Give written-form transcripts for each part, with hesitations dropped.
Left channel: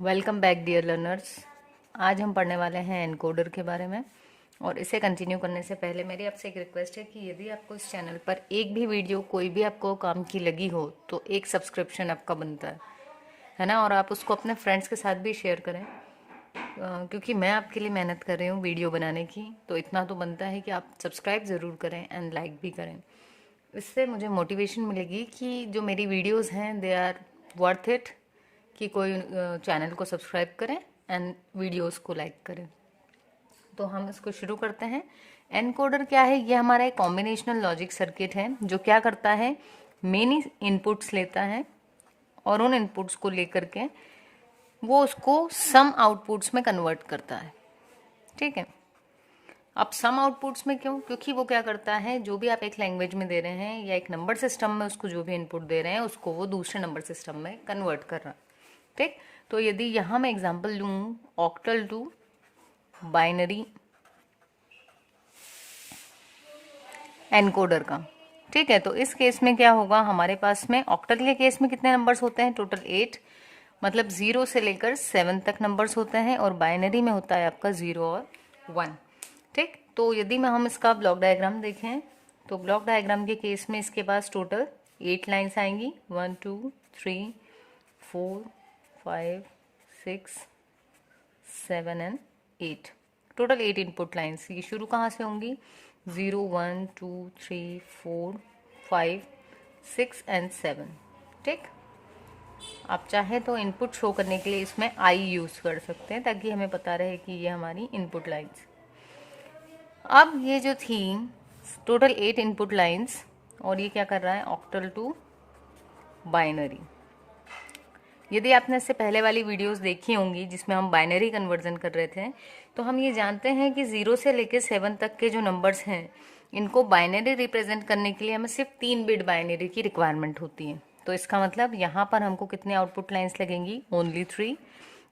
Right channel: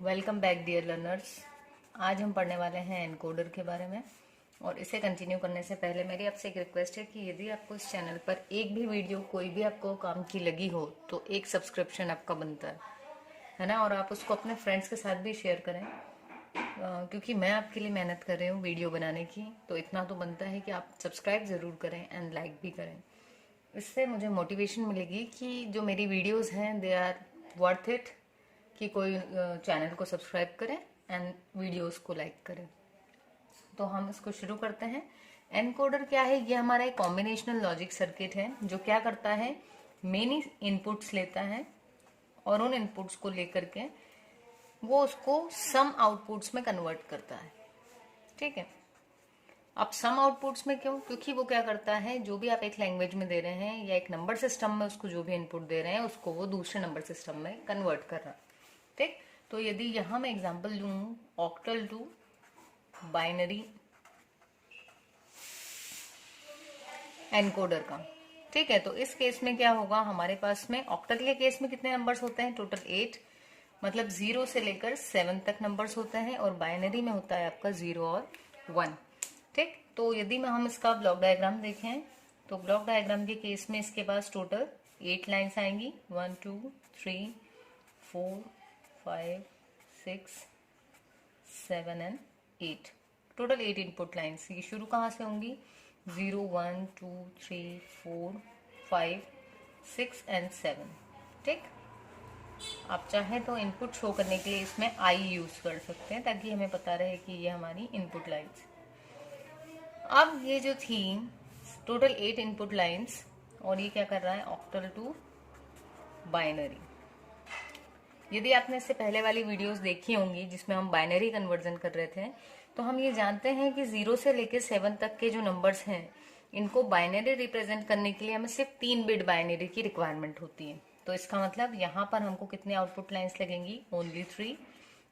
Welcome back dear learners. आज हम पढ़ने वाले हैं एनकोडर के बारे में। और इसे कंटिन्यू करने से पहले मेरी आपसे एक रिक्वेस्ट है कि यदि आपको इस चैनल पर एक भी वीडियो कोई भी आपको काम की लगी हो तो एक सब्सक्रिप्शन आपका बनता है ना। और आप उसको अपने फ्रेंड्स के साथ भी शेयर करें, क्योंकि मैं आपके लिए मेहनत कर रही हूँ वीडियो बनाने की, तो इतना तो बनता है कि आप सब्सक्राइब ज़रूर करें एंड लाइक भी करें। इससे मुझे मोटिवेशन मिलेगी कि जो मेरी वीडियोस हैं दे आर वर्थ इट, कि कोई चैनल को सब्सक्राइब करें एंड वीडियोस को लाइक करें। तो हम इसको शुरू करते हैं। एनकोडर क्या है? ये हमारा एक कॉम्बिनेशनल लॉजिक सर्किट है जो क्या करता है, मेनी इनपुट्स लेता है और उन इनपुट्स को लेकर के वो उसको सम आउटपुट्स में कन्वर्ट करता है। ठीक है। अब सम आउटपुट्स में क्यों? क्योंकि वो क्या करता है, जो भी आप एक लैंग्वेज में दे रहे हैं या एक नंबर सिस्टम में उसको जो भी इनपुट दे रहे हैं उसको वो दूसरे नंबर सिस्टम में कन्वर्ट कर रहा है। ठीक। तो यदि यहां मैं एग्जांपल लूं ऑक्टल टू बाइनरी एनकोडर का, ठीक है, तो इस केस में क्या होगा, हमारे पास में ऑक्टल के केस में कितने नंबर्स होते हैं? टोटल 8, मतलब 0 से लेकर 7 तक नंबर्स होते हैं। और बाइनरी में होता है आपका 0 और 1। ठीक। तो यदि मैं हम इसका ब्लॉक डायग्राम देखें तो ब्लॉक डायग्राम के केस में इसके पास टोटल 8 लाइन्स आएंगी, 1 2 3 4 5 6 7 एंड 8। Total 8 input lines. ये शुरू कहाँ से होंगी? 0 1 2 3 4 5 6 एंड 7। ठीक। आप चाहे तो इनपुट शो करने के लिए इसमें आई यूज कर सकते हैं ताकि हमें पता रहे कि ये हमारी इनपुट लाइन्स। अब ये जो थी टोटल 8 इनपुट लाइन्स, और ये क्या कर रहा है, ऑक्टल टू बाइनरी। यदि आपने इससे पहले वाली वीडियोस देखी होंगी जिसमें हम बाइनरी कन्वर्जन कर रहे थे, तो हम ये जानते हैं कि 0 से लेकर 7 तक के जो नंबर्स हैं इनको बाइनरी रिप्रेजेंट करने के लिए हमें सिर्फ 3 बिट बाइनरी की रिक्वायरमेंट होती है। तो इसका मतलब यहाँ पर हमको कितने आउटपुट लाइन्स लगेंगी? ओनली 3,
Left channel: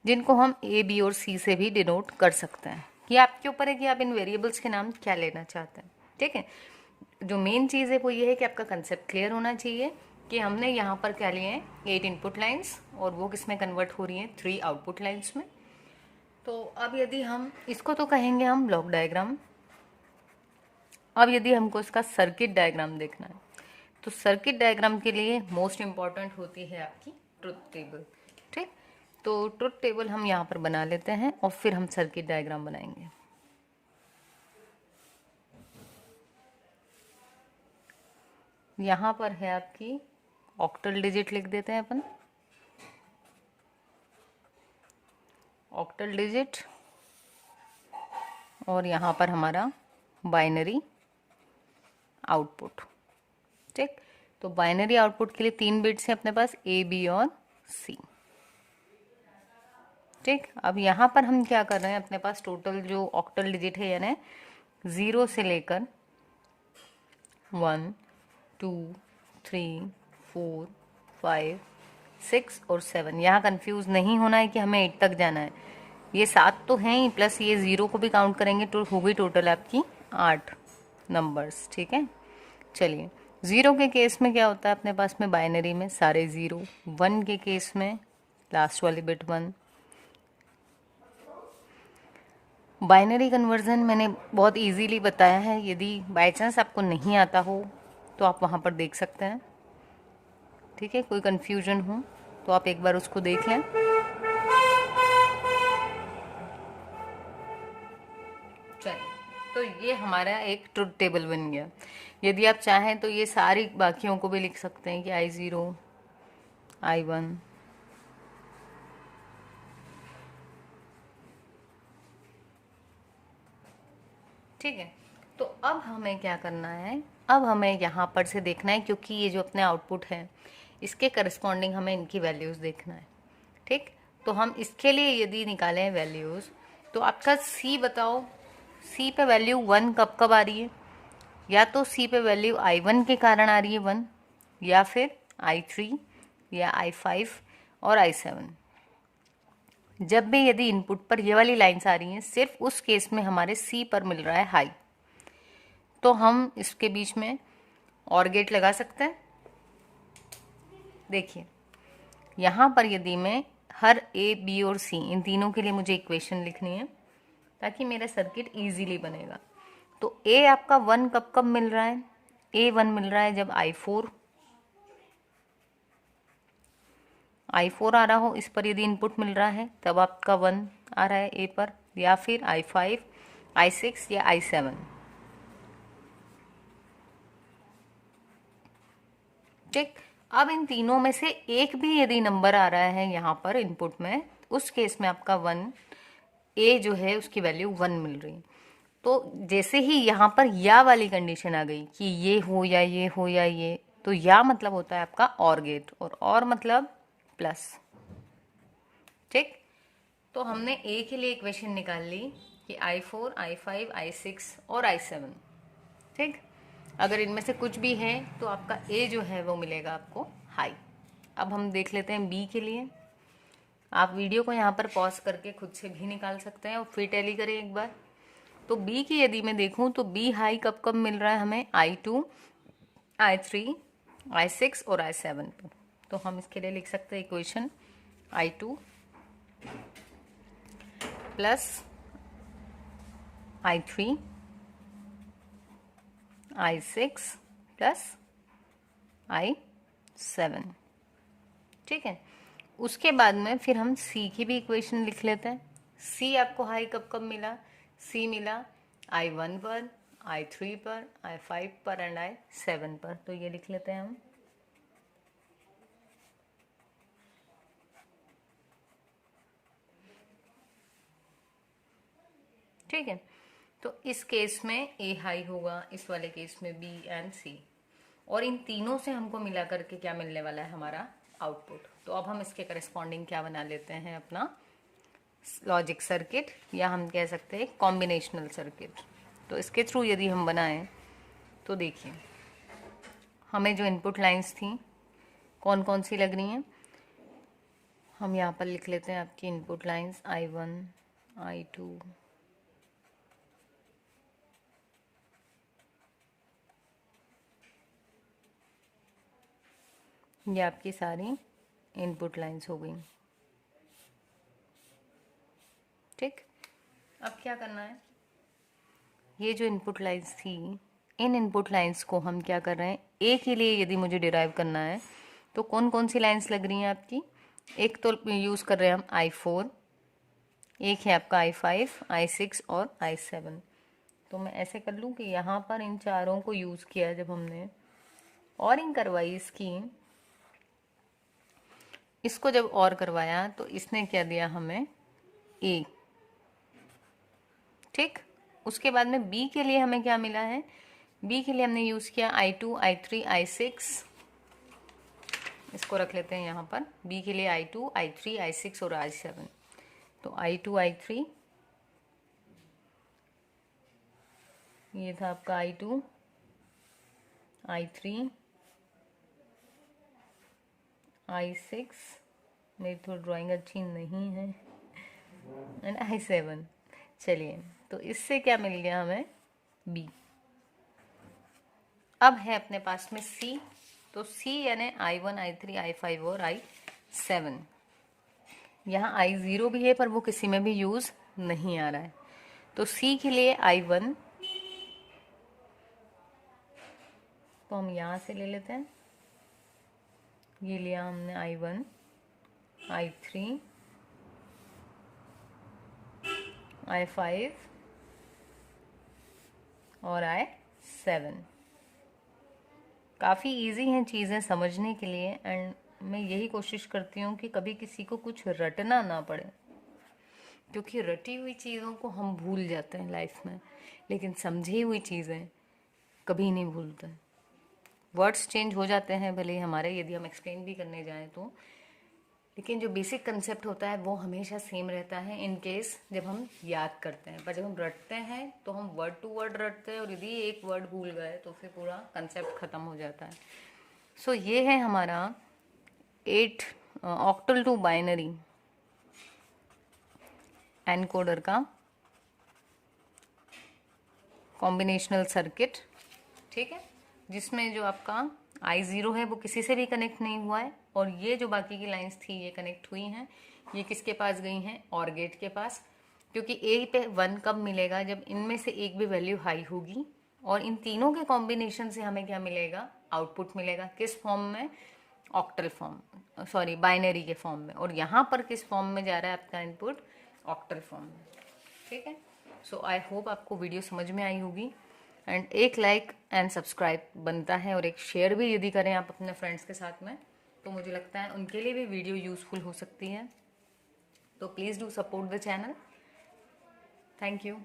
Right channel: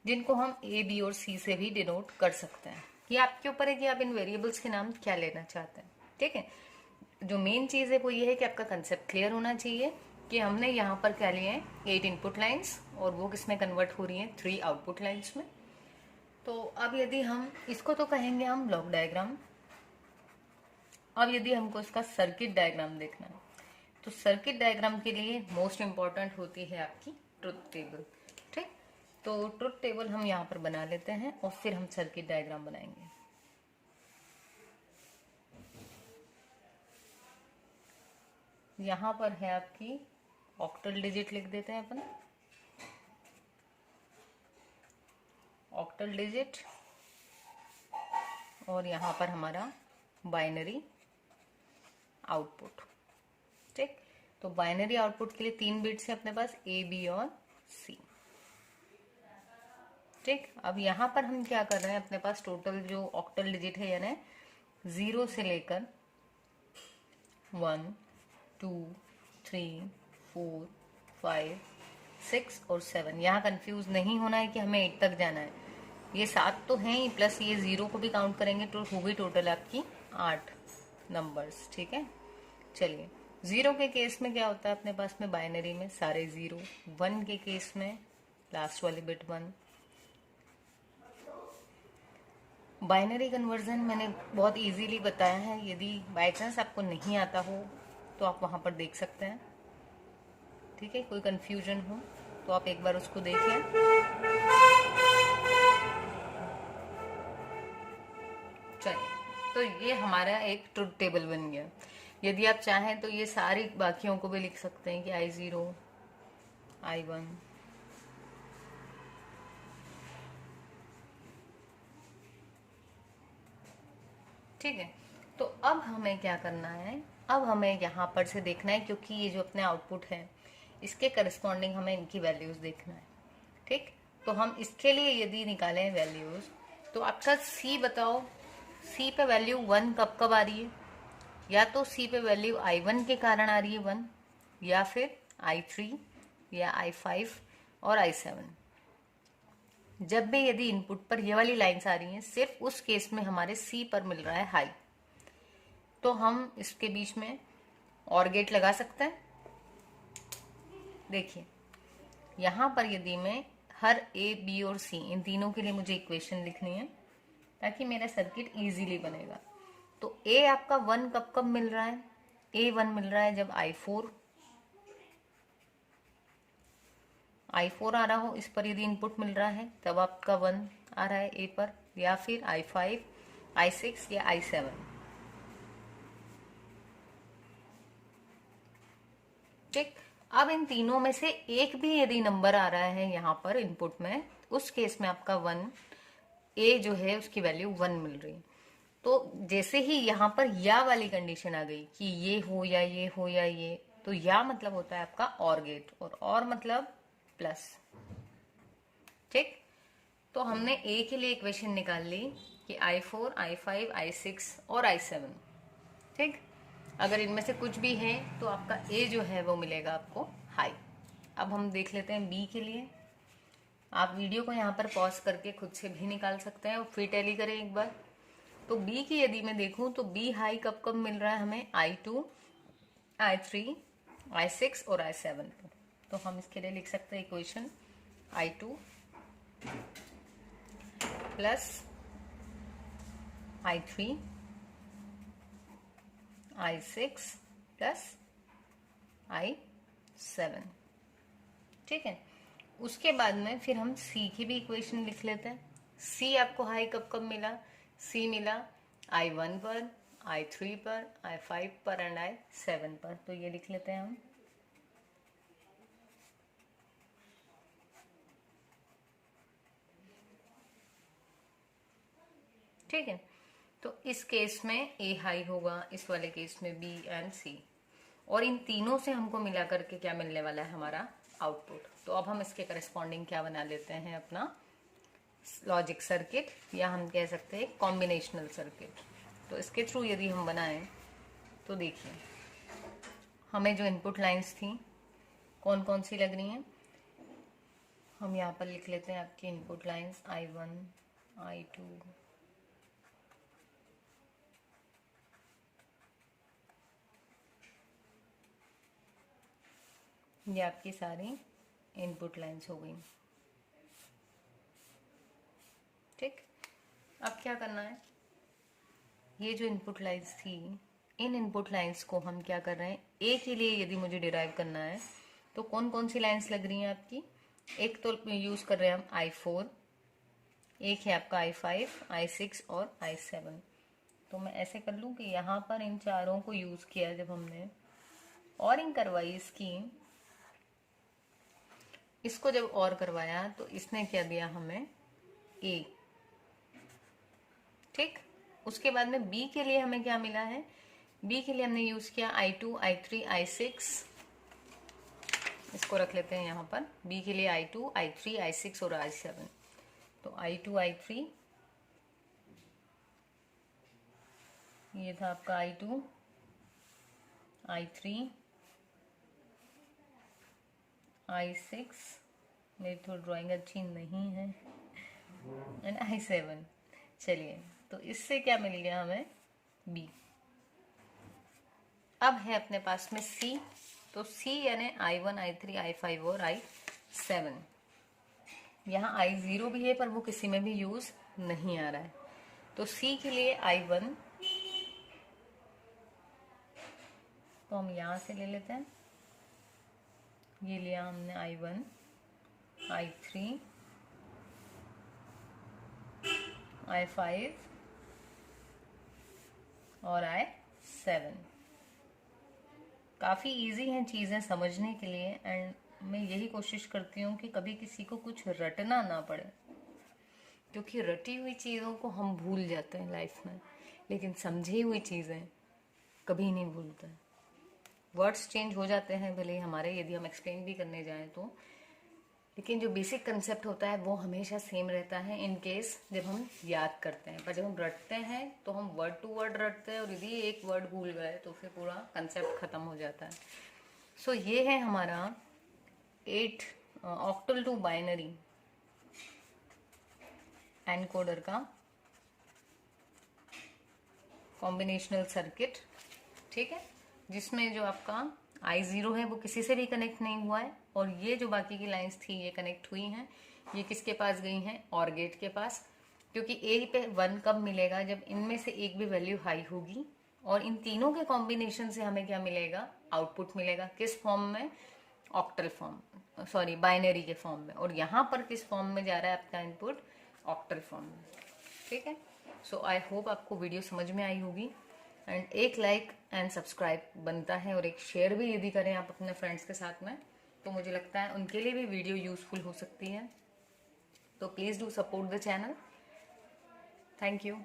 जिनको हम ए बी और सी से भी डिनोट कर सकते हैं। ये आपके ऊपर है कि आप इन वेरिएबल्स के नाम क्या लेना चाहते हैं। ठीक है। जो मेन चीज़ है वो ये है कि आपका कंसेप्ट क्लियर होना चाहिए कि हमने यहाँ पर क्या लिए हैं, 8 इनपुट लाइन्स, और वो किस में कन्वर्ट हो रही हैं? 3 आउटपुट लाइन्स में। तो अब यदि हम इसको तो कहेंगे हम ब्लॉक डायग्राम। अब यदि हमको इसका सर्किट डायग्राम देखना है तो सर्किट डायग्राम के लिए मोस्ट इंपॉर्टेंट होती है आपकी ट्रुथ टेबल। ठीक। तो ट्रुथ टेबल हम यहाँ पर बना लेते हैं और फिर हम सर्किट डायग्राम बनाएंगे। यहाँ पर है आपकी ऑक्टल डिजिट, लिख देते हैं अपन ऑक्टल डिजिट, और यहाँ पर हमारा बाइनरी आउटपुट। ठीक। तो बाइनरी आउटपुट के लिए 3 बिट्स हैं अपने पास, ए बी और सी। ठीक। अब यहाँ पर हम क्या कर रहे हैं, अपने पास टोटल जो ऑक्टल डिजिट है यानी 0 से लेकर 1 2 3 4 5 6 और 7। यहाँ कंफ्यूज नहीं होना है कि हमें 8 तक जाना है। ये 7 तो हैं ही, प्लस ये 0 को भी काउंट करेंगे तो होगी टोटल आपकी 8 नंबर्स। ठीक है। चलिए, 0 के केस में क्या होता है अपने पास में बाइनरी में सारे 0, 1 के केस में लास्ट वाली बिट 1। बाइनरी कन्वर्जन मैंने बहुत इजीली बताया है, यदि बाय चांस आपको नहीं आता हो तो आप वहाँ पर देख सकते हैं। ठीक है। कोई कन्फ्यूजन हो तो आप एक बार उसको देख लें। चलिए, तो ये हमारा एक ट्रुथ टेबल बन गया। यदि आप चाहें तो ये सारी बाकियों को भी लिख सकते हैं कि I0 I1 ठीक है। तो अब हमें क्या करना है, अब हमें यहाँ पर से देखना है, क्योंकि ये जो अपने आउटपुट है इसके करस्पॉन्डिंग हमें इनकी वैल्यूज देखना है। ठीक। तो हम इसके लिए यदि निकालें वैल्यूज, तो आपका सी बताओ, सी पे वैल्यू 1 कब कब आ रही है? या तो सी पे वैल्यू I1 के कारण आ रही है 1, या फिर I3 या I5 और I7। जब भी यदि इनपुट पर ये वाली लाइन्स आ रही हैं, सिर्फ उस केस में हमारे सी पर मिल रहा है हाई, तो हम इसके बीच में और गेट लगा सकते हैं। देखिए, यहाँ पर यदि मैं हर ए, बी और सी, इन तीनों के लिए मुझे इक्वेशन लिखनी है ताकि मेरा सर्किट इजीली बनेगा। तो ए आपका 1 कब कब मिल रहा है? ए 1 मिल रहा है जब I4 आ रहा हो, इस पर यदि इनपुट मिल रहा है तब आपका 1 आ रहा है ए पर, या फिर I5, I6 या I7। ठीक, अब इन तीनों में से एक भी यदि नंबर आ रहा है यहाँ पर इनपुट में, उस केस में आपका 1, ए जो है उसकी वैल्यू 1 मिल रही। तो जैसे ही यहाँ पर या वाली कंडीशन आ गई कि ये हो या ये हो या ये, तो या मतलब होता है आपका और गेट, और मतलब प्लस। ठीक, तो हमने ए के लिए इक्वेशन निकाल ली कि I4, I5, I6 और I7। ठीक, अगर इनमें से कुछ भी है तो आपका ए जो है वो मिलेगा आपको हाई। अब हम देख लेते हैं बी के लिए। आप वीडियो को यहाँ पर पॉज करके खुद से भी निकाल सकते हैं और फिर टैली करें एक बार। तो बी की यदि मैं देखूं तो बी हाई कब कब मिल रहा है हमें? I2, I3, I6 और I7 पर। तो हम इसके लिए लिख सकते हैं equation I2 plus I3 I6 plus I7। ठीक है, उसके बाद में फिर हम सी की भी इक्वेशन लिख लेते हैं। सी आपको हाई कब कब मिला? सी मिला I1 पर, I3 पर, I5 पर एंड I7 पर। तो ये लिख लेते हैं हम। ठीक है, तो इस केस में ए हाई होगा, इस वाले केस में बी एंड सी, और इन तीनों से हमको मिला करके क्या मिलने वाला है? हमारा आउटपुट। तो अब हम इसके करस्पॉन्डिंग क्या बना लेते हैं? अपना लॉजिक सर्किट, या हम कह सकते हैं कॉम्बिनेशनल सर्किट। तो इसके थ्रू यदि हम बनाएं तो देखिए हमें जो इनपुट लाइंस थी कौन कौन सी लग रही हैं, हम यहाँ पर लिख लेते हैं आपकी इनपुट लाइंस I1, I2, ये आपकी सारी इनपुट लाइंस हो गई। ठीक, अब क्या करना है? ये जो इनपुट लाइंस थी, इन इनपुट लाइंस को हम क्या कर रहे हैं? ए के लिए यदि मुझे डिराइव करना है तो कौन कौन सी लाइंस लग रही हैं आपकी? एक तो यूज़ कर रहे हैं हम I4, एक है आपका I5, I6 और I7। तो मैं ऐसे कर लूँ कि यहाँ पर इन चारों को यूज़ किया जब हमने, और इन करवाई इसकी, इसको जब और करवाया तो इसने क्या दिया हमें? ए। ठीक, उसके बाद में बी के लिए हमें क्या मिला है? बी के लिए हमने यूज़ किया I2, I3, I6। इसको रख लेते हैं यहाँ पर। बी के लिए I2, I3, I6 और I7। तो I2, I3, ये था आपका I2, I3, I6, मेरी थोड़ी ड्राइंग अच्छी नहीं है, एंड I7। चलिए, तो इससे क्या मिल गया हमें? बी। अब है अपने पास में सी। तो सी यानी I1, I3, I5 और I7। यहाँ I0 भी है पर वो किसी में भी यूज नहीं आ रहा है। तो सी के लिए I1 तो हम यहाँ से ले लेते हैं, ये लिया हमने I1, I3, I5 और I7। काफ़ी इजी हैं चीज़ें समझने के लिए, एंड मैं यही कोशिश करती हूँ कि कभी किसी को कुछ रटना ना पड़े, क्योंकि रटी हुई चीज़ों को हम भूल जाते हैं लाइफ में, लेकिन समझी हुई चीज़ें कभी नहीं भूलते। वर्ड्स चेंज हो जाते हैं भले ही हमारे, यदि हम एक्सप्लेन भी करने जाएं तो, लेकिन जो बेसिक कंसेप्ट होता है वो हमेशा सेम रहता है इन केस जब हम याद करते हैं। पर जब हम रटते हैं तो हम वर्ड टू वर्ड रटते हैं, और यदि एक वर्ड भूल गए तो फिर पूरा कंसेप्ट ख़त्म हो जाता है। सो ये है हमारा 8 ऑक्टल टू बाइनरी एनकोडर का कॉम्बिनेशनल सर्किट। ठीक है, जिसमें जो आपका I0 है वो किसी से भी कनेक्ट नहीं हुआ है, और ये जो बाकी की लाइंस थी ये कनेक्ट हुई हैं। ये किसके पास गई हैं, और गेट के पास, क्योंकि ए पे 1 कब मिलेगा, जब इनमें से एक भी वैल्यू हाई होगी, और इन तीनों के कॉम्बिनेशन से हमें क्या मिलेगा, आउटपुट मिलेगा। किस फॉर्म में, ऑक्टल फॉर्म, सॉरी बाइनरी के फॉर्म में। और यहाँ पर किस फॉर्म में जा रहा है आपका इनपुट, ऑक्टल फॉर्म में। ठीक है, सो आई होप आपको वीडियो समझ में आई होगी। एंड एक लाइक एंड सब्सक्राइब बनता है, और एक शेयर भी यदि करें आप अपने फ्रेंड्स के साथ में, तो मुझे लगता है उनके लिए भी वीडियो यूजफुल हो सकती है। तो please do support the channel. Thank you.